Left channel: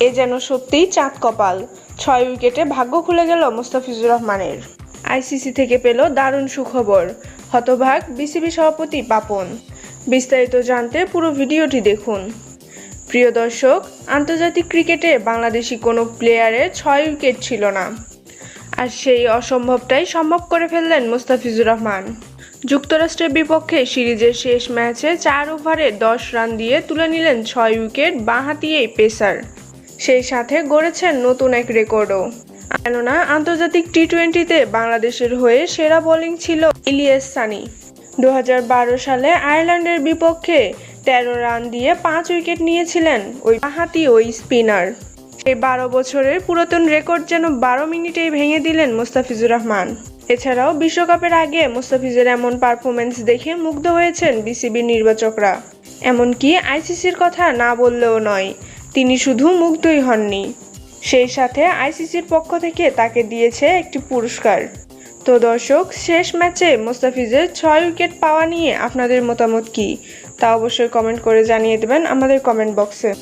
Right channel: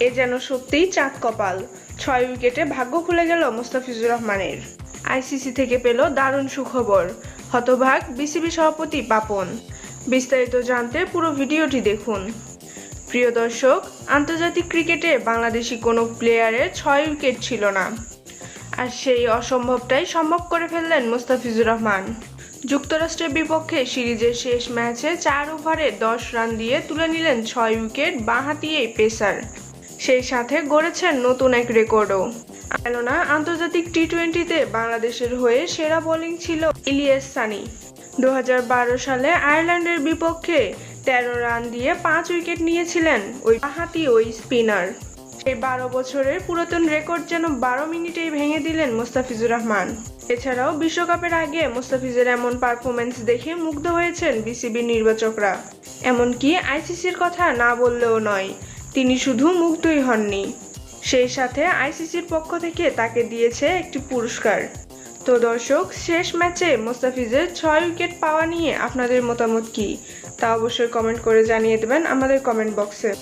এ যেন সত্যিই চাঁদ কপাল। ছয় উইকেটে ভাগ্য খুলে গেল মোস্তাফিজুর রহমানের। আইসিসি থেকে পেল দারুণ সুখবর। হতভাগ বিসিবি সভাপতি পাপন বিস্তারিত জানতে পুরো ভিডিওটি দেখুন। প্রিয় দর্শক, আন্তর্জাতিক ক্রিকেটে বাংলাদেশি কোনো প্লেয়ারের ছয় উইকেট ছিল না। আর সেই অসম্ভবটাই সম্ভব করে ফেললেন মোস্তাফিজুর রহমান। যুক্তরাষ্ট্রের বিপক্ষে সিরিজের শেষ ম্যাচে চার ওভারে দশ রান দিয়ে তুলে নিলেন ছয় উইকেট বাঁহাতি এই পেসার। সেই সাথে গড়েছেন নতুন এক রেকর্ডও। কেননা আন্তর্জাতিক টি টোয়েন্টিতে বাংলাদেশের হয়ে সেরা বোলিং ছিল ইলিয়াস সানি। দু সালে আয়ারল্যান্ডের বিপক্ষে তেরো রান দিয়ে পাঁচ উইকেট নিয়েছিলেন ওই বাঁহাতি ওই স্পিনার। এই বারো বছরের পুরাতন রেকর্ড যেন বারো মিনিটেই ভেঙে দিলেন মোস্তাফিজুর রহমান। এছাড়াও বিশ্বকাপের আগে মোস্তাফিজের এমন পারফরমেন্স দেখে মুগ্ধ হয়েছেন বিসিবির নির্বাচকরা। এমনকি আইসিসির কথা না বললেও নয় তিনি শুধু মুগ্ধই হননি। সেই সাথে আইসিসির পক্ষ থেকে তাকে দিয়েছে একটি পুরস্কার। তো দর্শক, শেষ ম্যাচে মোস্তাফিজের ছয় উইকেট পাওয়া নিয়ে আপনাদের মতামত কি? তা অবশ্যই কমেন্ট করে জানিয়ে দেবেন আমাদের কমেন্ট বক্সে।